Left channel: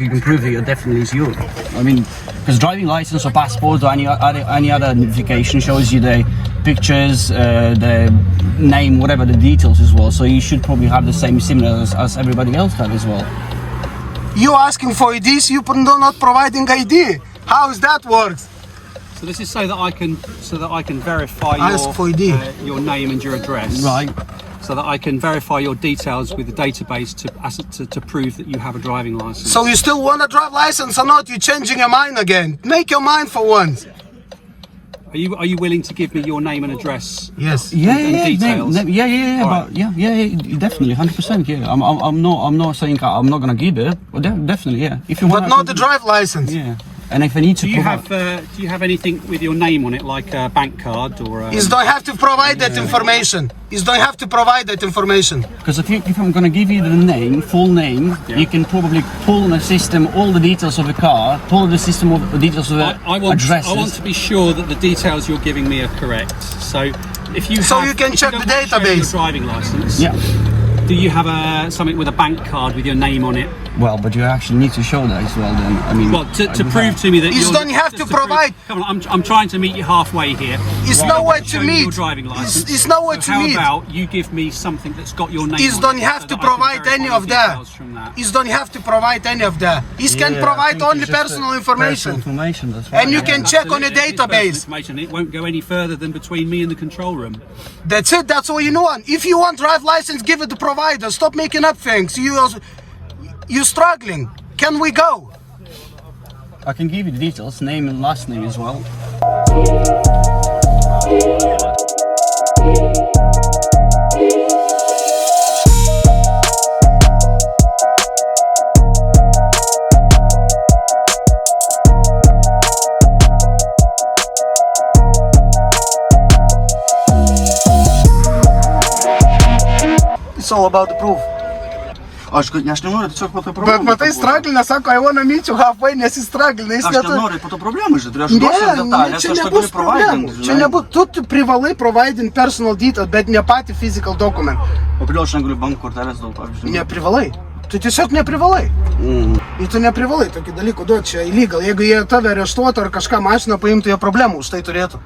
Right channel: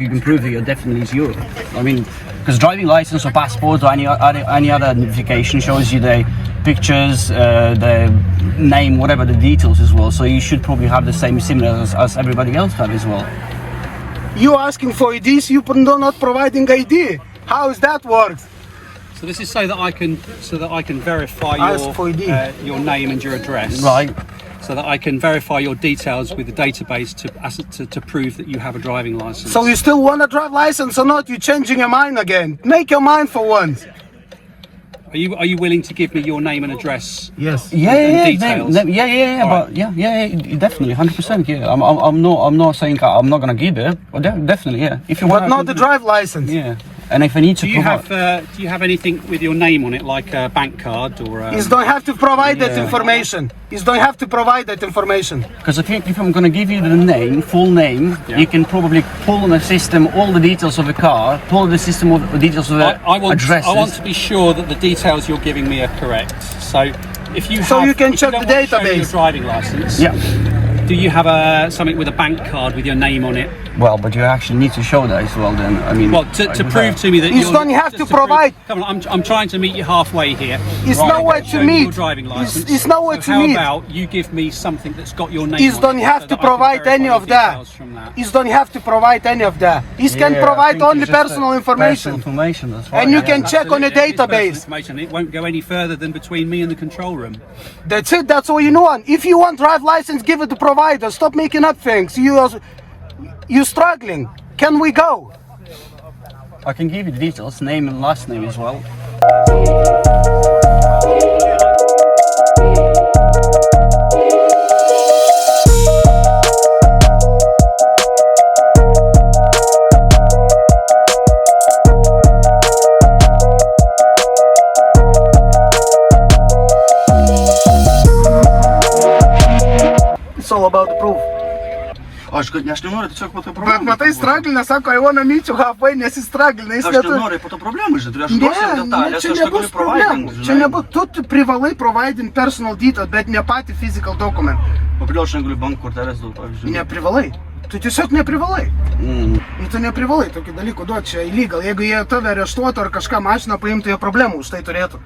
you can prove that you're definitely is Europe. I mean, because driving license or passport or any other identification shows you the pictures, the name, whatever the details as well. So you should probably have the same similar as everybody else have as well. You asking for IDs, you not providing ID. How does that work? So this is so that I can verify your name and your address. Right. So that I can verify your details with the database to prove that you have a driving license. So you still want a drive license or not? You're changing your mind again. Make your mind for once. Are you willing to give me your name and address? Yes. Yeah, details? Yeah, but yeah, definitely, 100%. Yeah, I'm not saying I'm not gonna give it, but definitely, yeah. If you want, but not the drive license. Yeah. And if I need to, do you have anything with your name on it, like a bank card or? You don't have to provide that information. You don't have to provide that information. Because if I'm going to give you the name, full name, you can probably pull in the system all the details of the car, pull the system of the details of the addresses. I want to be sure that the details you're giving me are correct. So if you you can check the database. Your driving license. Yeah. Do you have something with a bank card with your name on it? Well, but you actually need to show that as well. Then I mean, well, to prove to me that you don't have to provide. Come on, I'm trying to meet you halfway here. It's no way to meet. Your driving license. It's no way to meet. How about you give me something that's got your name? You don't have to provide any of that. You don't have to provide any of that. You can provide only personal information. And you can check on a database. It won't go any further than between me and the control room. That's it. That's all you want. If you want drive license, give it to provider. Stop making up things. You're struggling. Can we go? I can give you the details, name and last name as well. It's all about the proof. Aš nenoriu tiesiog po to problemų. Bet matai, straglina, sako, I wanna meet you halfway, nes jis straglina. Aš nenoriu po to problemų, žinai, aš duosiu detalės, čia aš nebus negaliu providing. Čia nebus, tu privalai providing personal detail, bet ne patį physical document. O kodėl aš negaliu banko kortelės dėl pavyzdžiui? Neprivalai. Tu tiesiog neprivalai. Ir tu neprivalai tokį dalyką duoti, čia illegal. Jeigu jie tave areštuotų ar kažką mašiną paimtų, jie problemų už tai turėtų.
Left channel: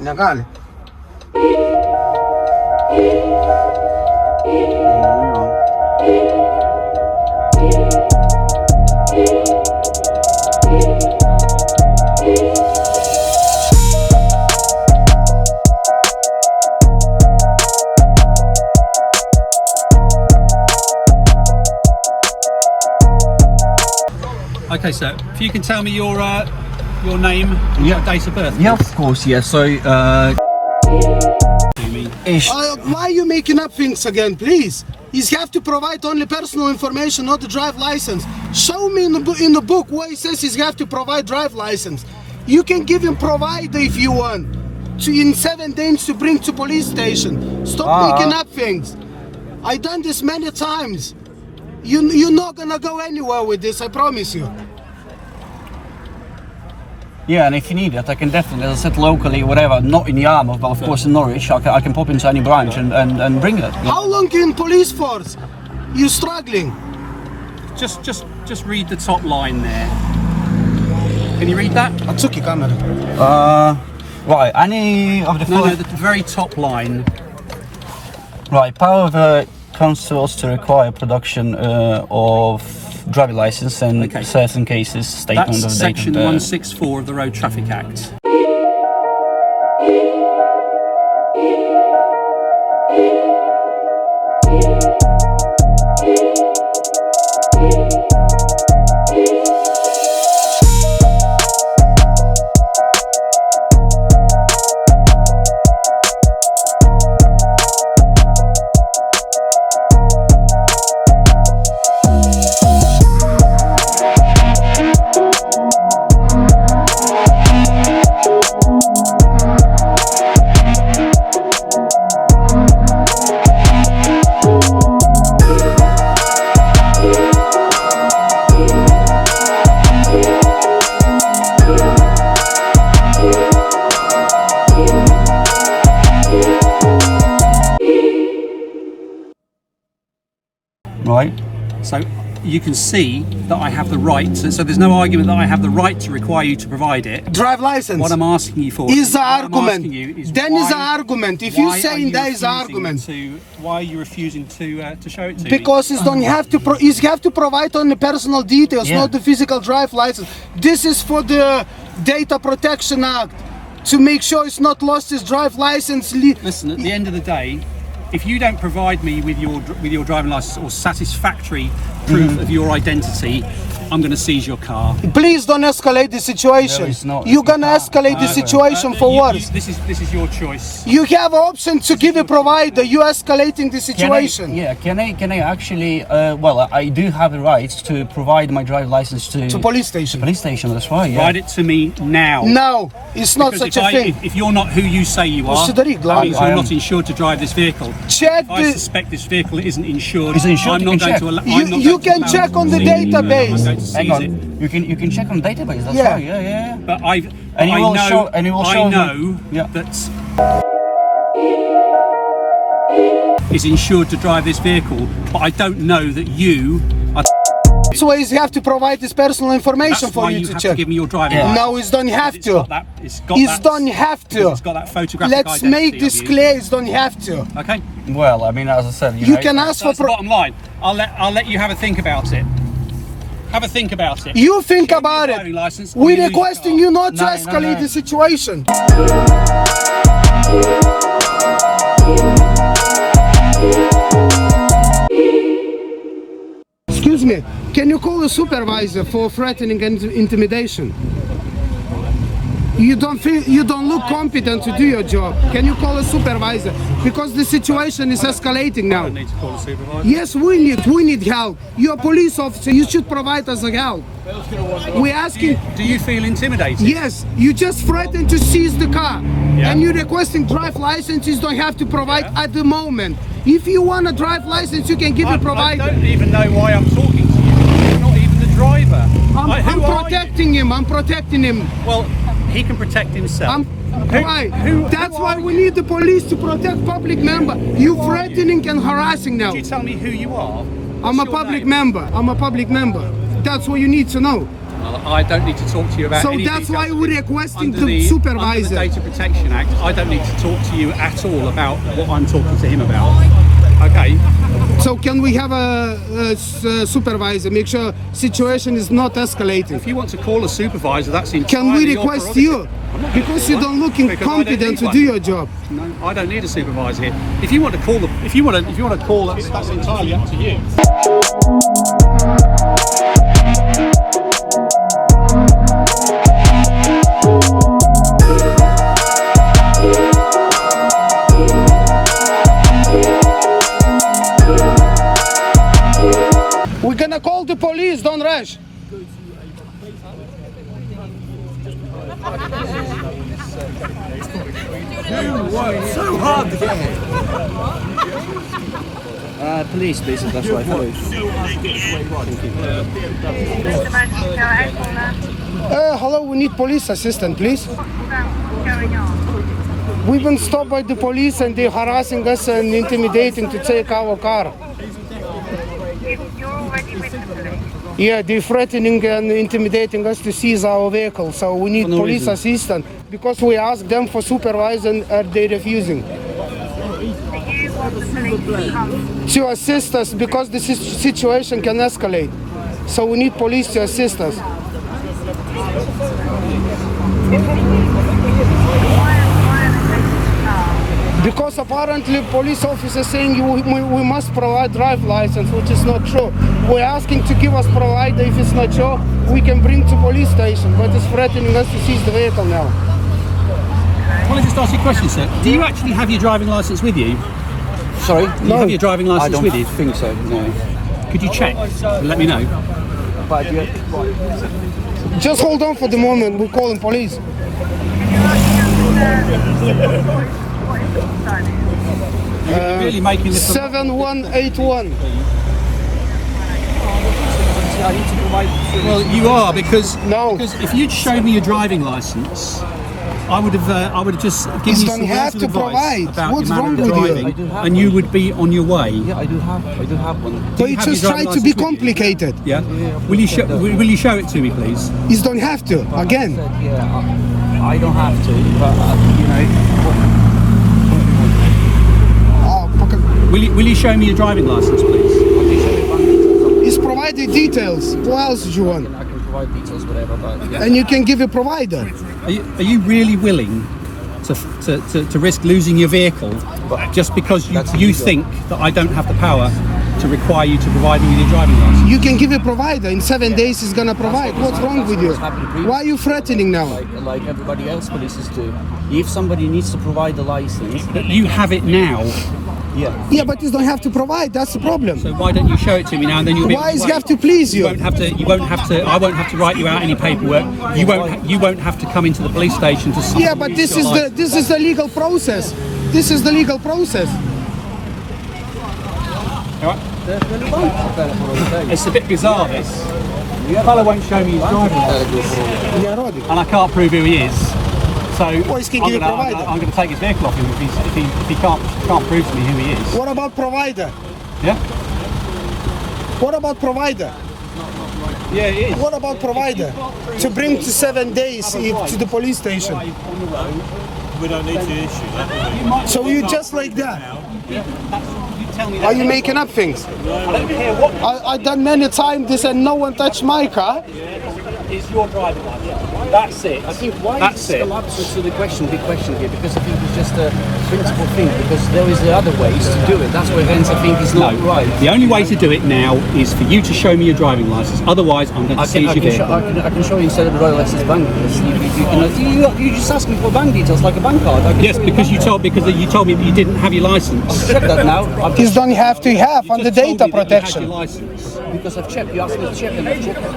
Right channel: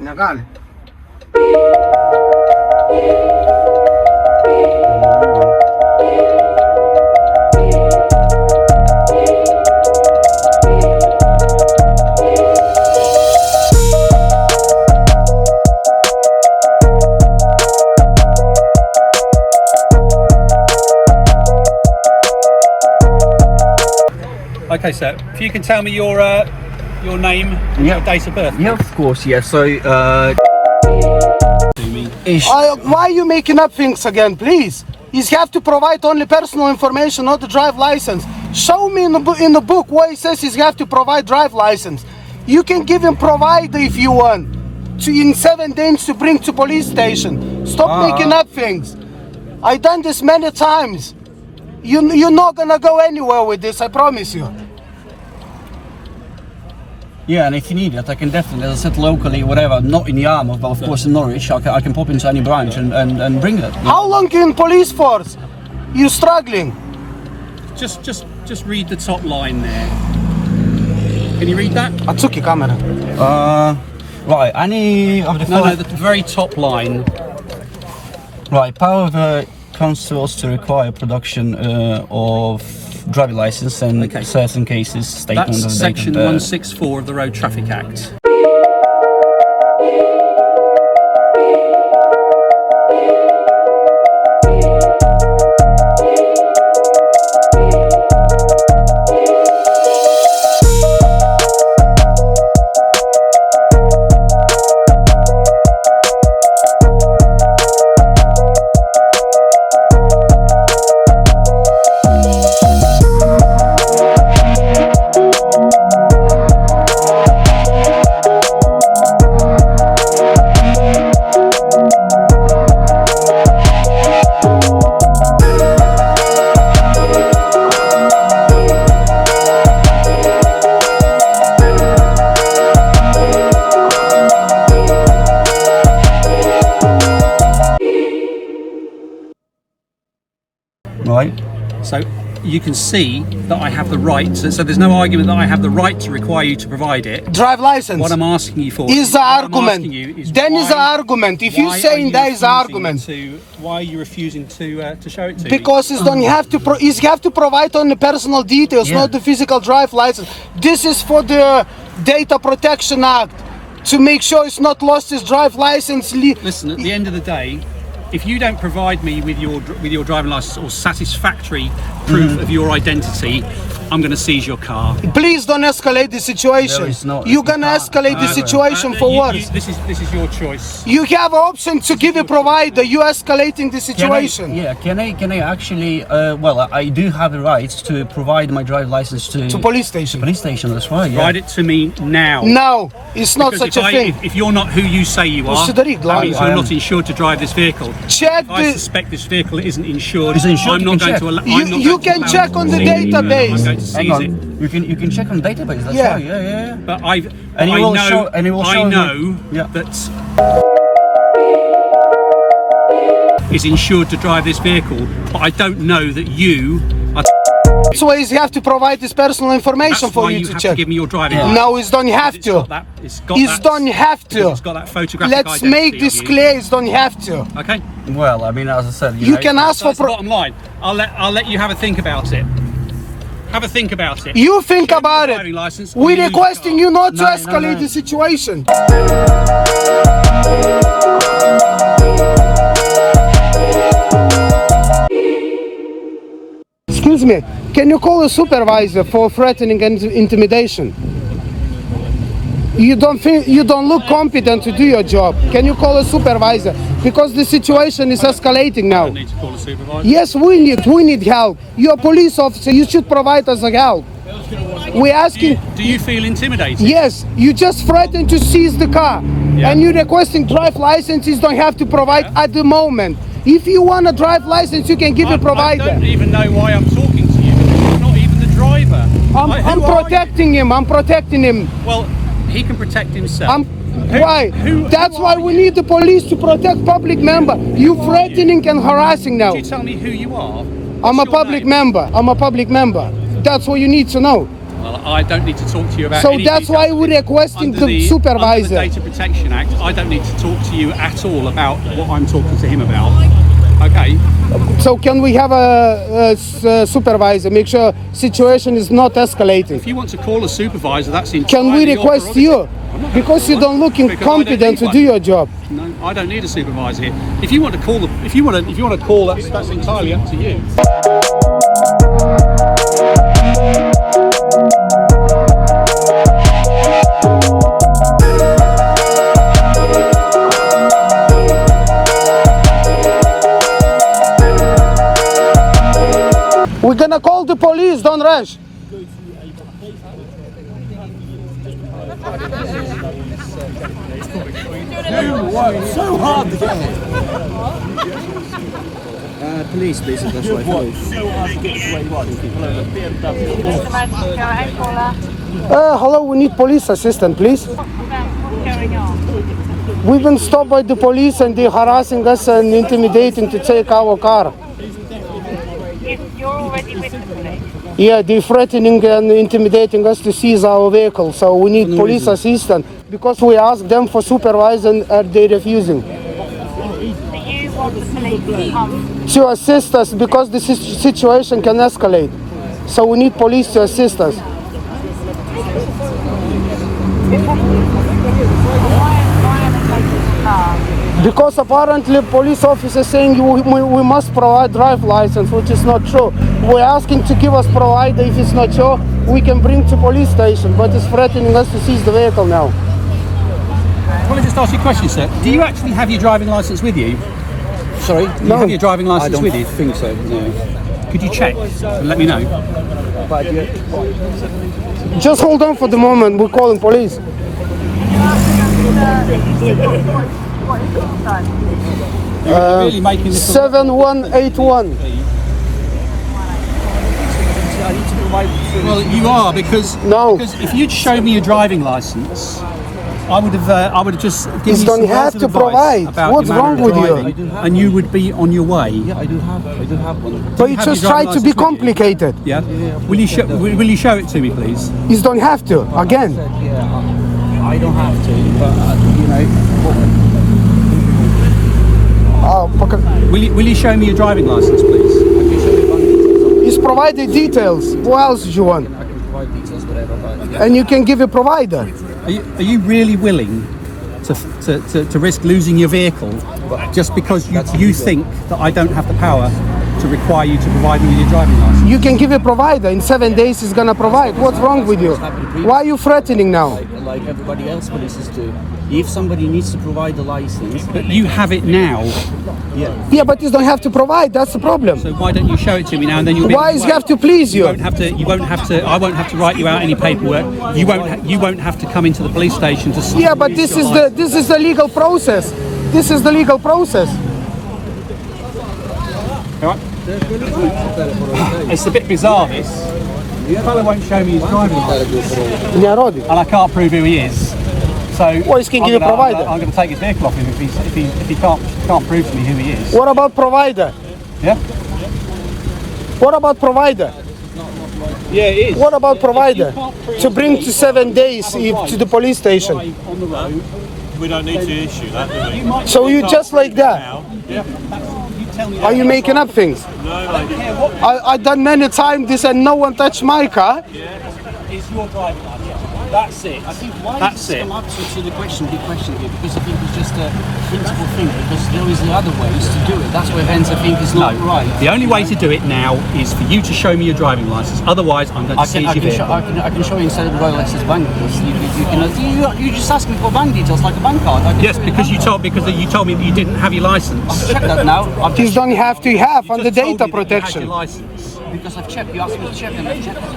Negali. Okay, so if you can tell me your name and your date of birth. Yeah, of course, yeah. So, why are you making up things again, please? You have to provide only personal information, not the drive license. Show me in the book where it says you have to provide drive license. You can give him provider if you want. In 7 days to bring to police station. Stop making up things. I've done this many times. You're not gonna go anywhere with this, I promise you. yeah, and if you need it, I can definitely, as I said, locally, whatever, not in Yarmouth, but of course in Norwich, I can pop into any branch and bring it. How long in police force? You struggling? Just read the top line there. Can you read that? I took your camera. Right, any of the No, the very top line. Right, power of the councils to require production of driving license and certain cases statement That's of section date of 164 of the Road Traffic Act. Right. So you can see that I have the right. So there's no argument that I have the right to require you to provide it. Drive license. What I'm asking you for is the argument. Then is the argument. If you're saying that is the argument. Why are you refusing to show it to me? Because you don't have to. You have to provide only personal details, not the physical drive license. This is for the Data Protection Act to make sure it's not lost his drive license. Listen, at the end of the day, if you don't provide me with your driving license or satisfactory proof of your identity, I'm going to seize your car. Please don't escalate the situation. You're going to escalate the situation for worse. This is your choice. You have option to give a provider. You escalating the situation. Can I actually? Well, I do have the right to provide my driver's license to police station. Police station. That's right. Yeah. Provide it to me now. No, it's not Because such a thing. If you're not who you say you are, that means you're not insured to drive this vehicle. Check I suspect this vehicle isn't insured. It's insured. I'm not going to allow. You can check on the database. Hang on. You can check on the database. That's right. Yeah. But I know that is insured to drive this vehicle, but I don't know that you are. That's why you have to provide this personal information for you to check. To give me your driving license. No, it's don't have to. It's don't have to. It's got that photographic Let's make this clear. It's don't have to. Okay. Well, I mean, as I said, you can ask for. That's the bottom line. I'll let you have a think about it. Have a think about it. You think about it. We're requesting you not to escalate the situation. Excuse me, can you call a supervisor for threatening and intimidation? You don't look competent to do your job. Can you call a supervisor? Because the situation is escalating now. I don't need to call a supervisor. Yes, we need help. You're a police officer, you should provide us help. We're asking. Do you feel intimidated? Yes, you just threatened to seize the car. And you're requesting drive licenses, don't have to provide at the moment. If you want a drive license, you can give a provider. I don't even know why I'm talking to you, because you're not even the driver. I'm protecting him, I'm protecting him. Well, he can protect himself. Why? That's why we need the police to protect public member. You threatening and harassing now. Could you tell me who you are? I'm a public member. I'm a public member. That's what you need to know. Well, I don't need to talk to you about so any that's details. why we're requesting Under the supervisor. Under the Data Protection Act, I don't need to talk to you at all about what I'm talking to him about. Okay. So can we have a supervisor, make sure situation is not escalating? If you want to call a supervisor, that's entirely Can we request you? Because you don't look incompetent to do your job. No, I don't need a supervisor here. If you want to call if you want to call, that's entirely up to you. We're gonna call the police, don't rush. So hard to get police, please, that's right. Hello, we need police assistant, please. We've been stopped by the police and they're harassing us and intimidating to take our car. You're already with the police? Yeah, they're threatening and intimidating us to seize our vehicle, so we need police assistance. Because we asked them for supervisor and they're refusing. Do you want the police to come? To assist us because the situation can escalate. So we need police to assist us. Because apparently police officer saying we must provide drive license, which is not true. We're asking to give us provider. If it's not true, we can bring to police station, but it's threatening us to seize the vehicle now. Can I just ask you a question, sir? Do you actually have your driving license with you? Sorry? Do you have your driving license with you? I don't think so, no. Could you check and let me know? But just hold on for the moment, we're calling police. You're really making this 7181. Well, you are because no. Because if you'd show me your driving license, I would have just given You you don't some have words of to advice provide. about What's your manner wrong of with you? driving, I do have and you would be on your way. Yeah, I do have one. But you have just your try driving to be licence with you? complicated. Yeah. Will you show it to me, please? You don't have to. Again. I said, yeah, I don't have to, but you know. Will you show me your driving license, please? I can show you bank details. He's provided details. What else do you want? I can provide details, whatever. But yeah. And you can give a provider. Are you really willing to risk losing your vehicle just because you illegal. think that I don't have the power to require you to provide me with your driving license? You can give a provider. In 7 days, he's gonna provide. What's wrong with you? Why are you threatening now? Like everybody else polices do. If somebody needs to provide the license, But you have it now, yeah. Yeah, but you don't have to provide. That's the problem. so why don't you show it to me now, and then you'll be. Why does he have to please You you? won't have to. I won't have to write you out any paperwork. You won't have to come into the police station to. Yeah, but this is the legal process. This is the legal process. All right. It's a bit bizarre. This. The fellow won't show me his driving license, Не роди. and I can't prove who he is. So Well, he's gonna give a provider. I'm going to take his vehicle off him if he can't prove to me who he is. What about provider? Yeah. What about provider? Yeah, it is. What about provider? To bring to 7 days to the police station. We don't need to issue that, do we? So you just like that? You tell me. Are you making up things? I done many times this and no one touched my car. It's your driving license. That's it. I think why That's is it. the answer to the big question here? Because I think it's just a principal thing. Because there is other ways to do it. That's why hence I think it's not right. The only way to do it now is for you to show me your driving license. Otherwise, I'm going to seize your vehicle. I can show you instead of the Royal License bank details. You just asked me for bank details like a bank card. Yes, because you told me that you didn't have your license. Check that now. I've You just don't have to have on the Just told data me that you had protection. your license. because I've checked. You asked me to check and I've checked it.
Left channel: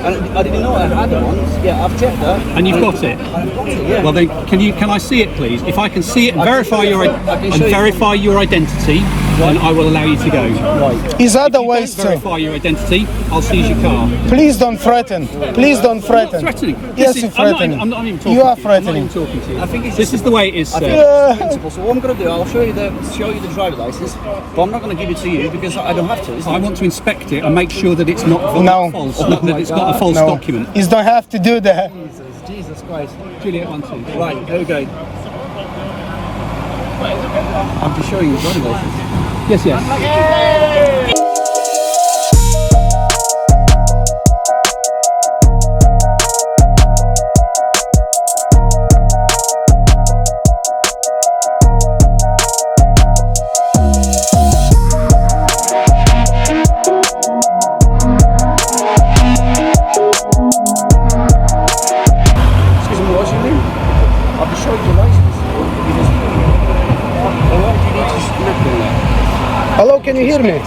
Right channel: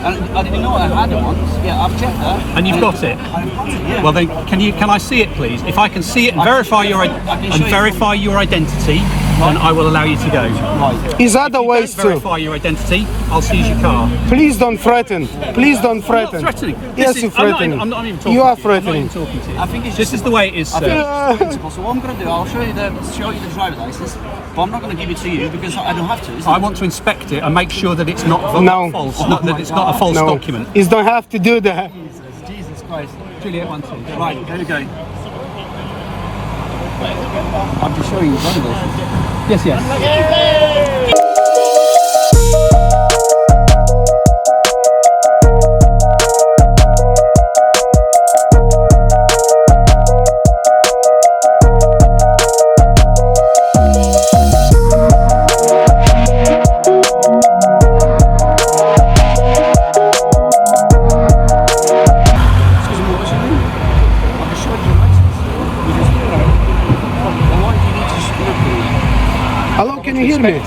And I didn't know I had one. Yeah, I've checked that. And you've got it. I've got it. Yeah. Well, then, can I see it, please? If I can see it and I can verify show you- I can show you- verify your identity, then I will allow you to go. Right. There's other If you ways don't too. verify your identity, I'll seize your car. Please don't threaten. Please don't I'm not threaten. threatening. Yes, This you're is- I'm not threatening. even- I'm not even talking You are to you. I'm not even threatening. talking to you. I think it's This just is the way it is, I sir. think it's the principle. So what I'm going to do, I'll show you the driver license, but I'm not going to give it to you because I don't have to. Isn't I it? want to inspect it and make sure that it's not No. false, that it's not a false No, document. you don't have to do that. Jesus Christ. Juliet, 1, 2. Right, here we go. I'm just showing you the driver license. Yes, yes. Excuse me, what's your name? I'll be showing your license. You just, but why do you need to just look in there? Hello, can you hear me?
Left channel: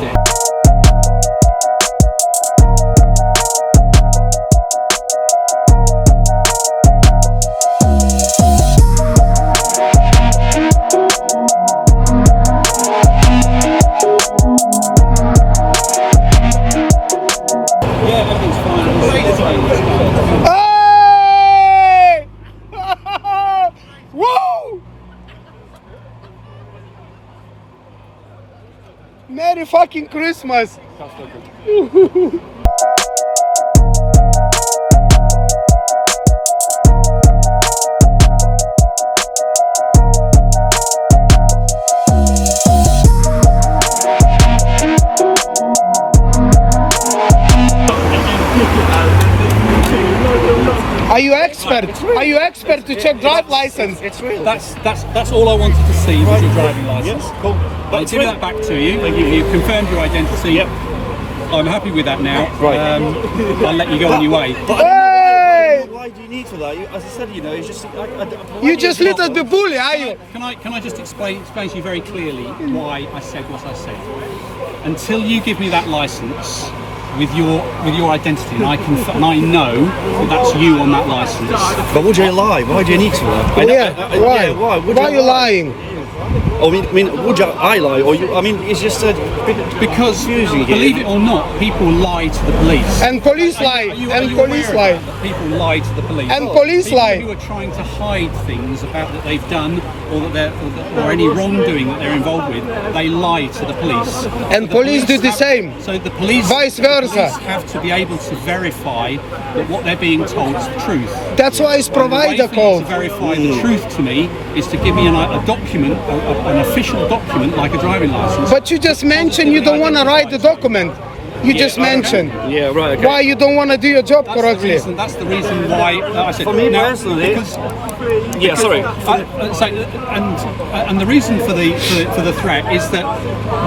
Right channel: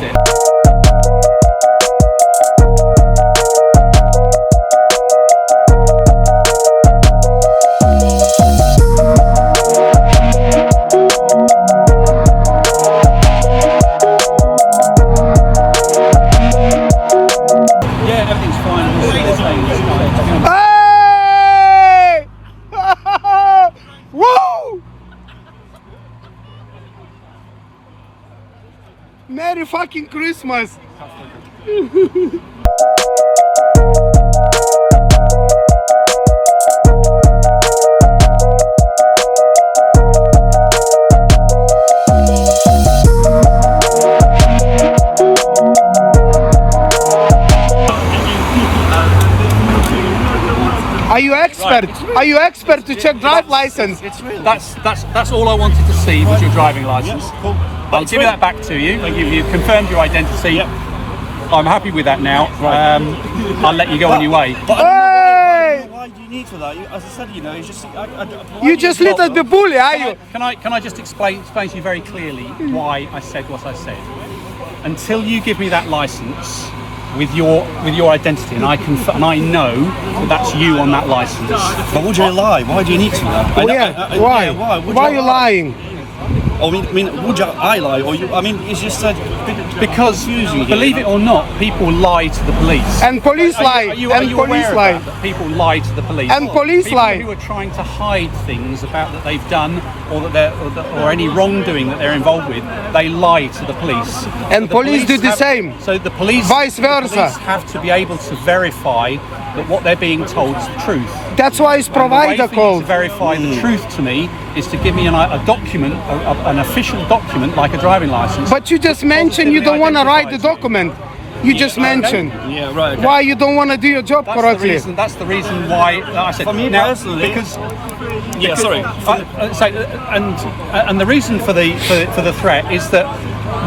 Yeah, everything's fine. Hey! Woo! Merry fucking Christmas! Are you expert? Are you expert to check drive license? That's all I wanted to see was your driving license. I'll give that back to you. You've confirmed your identity. I'm happy with that now. I'll let you go on your way. Hey! Why do you need to that? As I said, you know, it's just. You just little bit bully, are you? Can I just explain to you very clearly why I said what I said? Until you give me that license with your identity, and I know that that's you on that license. But would you lie? Why do you need to lie? Why? Why? Why are you lying? I mean, would I lie or you? I mean, it's just a bit Because, confusing. believe it or not, people lie to the police. And police lie. Are you And aware police of lie. that people lie to the police? And police people lie. who are trying to hide things about that they've done or that or any wrongdoing that they're involved with, they lie to the police. And the police do the have- same. So the police, Vice versa. the police have to be able to verify that what they're being told is the truth. That's why it's And the way provider for you code. to verify the truth to me is to give me a document, an official document like a driving license. But you just mentioned you don't want to write the identifies you. document. You just mentioned. Yeah, right. Okay. Why you don't want to do your job That's correctly? That's the reason why I said. For me now, personally- because Yeah, sorry. and the reason for the threat is that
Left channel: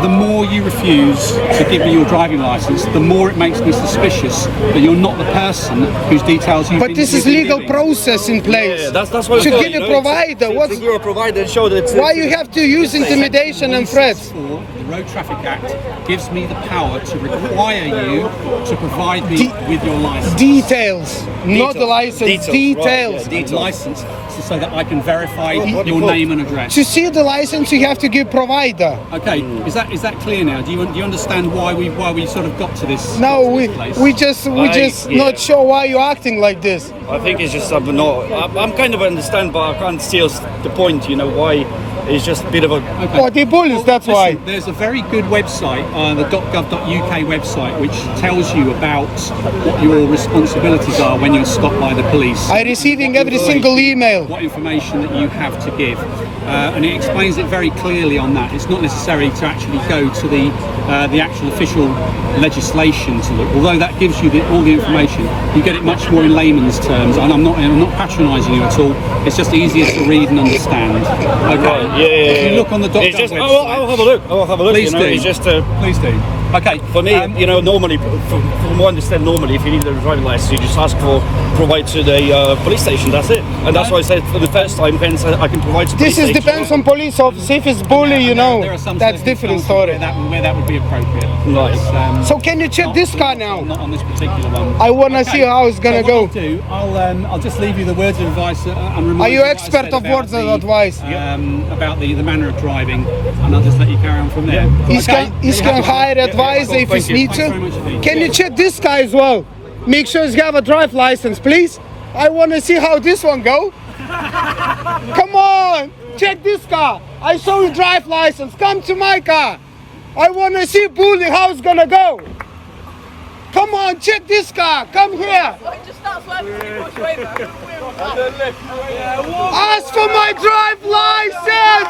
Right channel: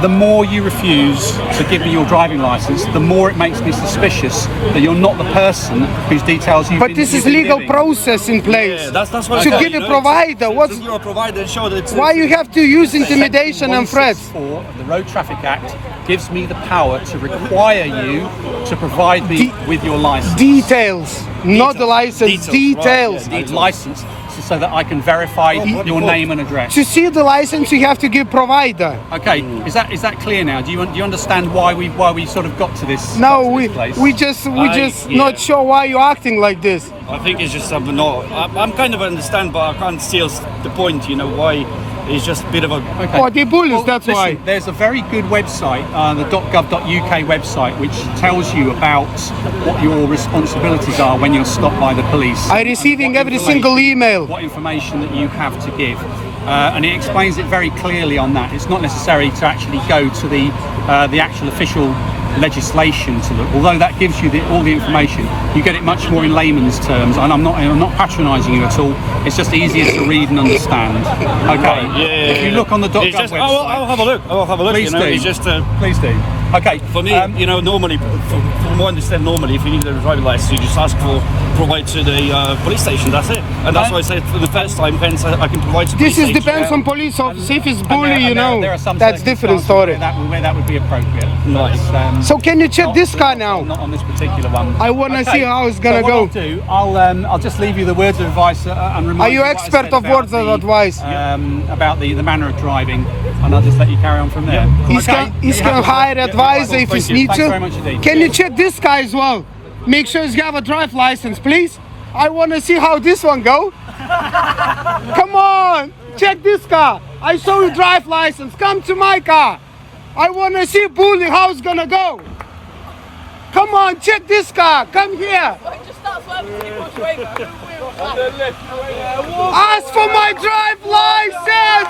the more you refuse to give me your driving license, the more it makes me suspicious that you're not the person whose details you've But been this is you've been legal giving. process in place. Yeah, that's what To I thought, get you a know, provider, to what's give a provider and show that it's why you have to use intimidation and threats? 164 of the Road Traffic Act gives me the power to require you to provide me with your license. Details, not the license. Details. Right, yeah, License so that I can verify your name and address. To see the license, you have to give provider. Okay, is that clear now? Do you understand why we sort of got to this? No, got to we this place? we just yeah. not sure why you're acting like this. I think it's just I'm kind of understand, but I can't see the point. You know why? It's just a bit of a. Okay. Oh, they bullies, that's why. There's a very good website, the .gov.uk website, which tells you about what your responsibilities are when you're stopped by the police. I receiving What every single information- email. What information that you have to give, and it explains it very clearly on that. It's not necessary to actually go to the actual official legislation to look. Although that gives you all the information, you get it much more in layman's terms. And I'm not patronising you at all. It's just easier to read and understand. Okay. Yeah, If you look on the It's .gov just, website. I'll have a look. I'll have a look. Please you know, do. it's just Please do. Okay. for me, you know, normally, from what I understand, normally, if you need a driving license, you just ask for provide to the police station. That's it, and that's why I said for the first time, hence I can provide to. This police is station. depends on police officer. If it's And bully, you know, there are some that's different circumstances story. where that would be appropriate. Nice. But, So can you check not- this car not- now? Not on this particular one. I wanna see how it's gonna so go. what I'll do, I'll just leave you the words of advice and remind Are you what I expert said of about words of the, advice? About the manner of driving, and I'll just let you carry on from there. He's Okay? he's You can have to- hire advisor if Thank he you. needs Thanks very to. much indeed. Can you check this guy as well? Make sure he's got a drive license, please. I want to see how this one go. Come on, check this car. I saw you drive license. Come to my car. I want to see bully how it's gonna go. Come on, check this car. Come here. Ask for my drive license,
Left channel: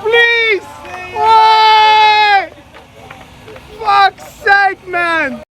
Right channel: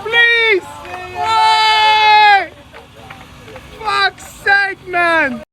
please. Why? Fuck's sake, man.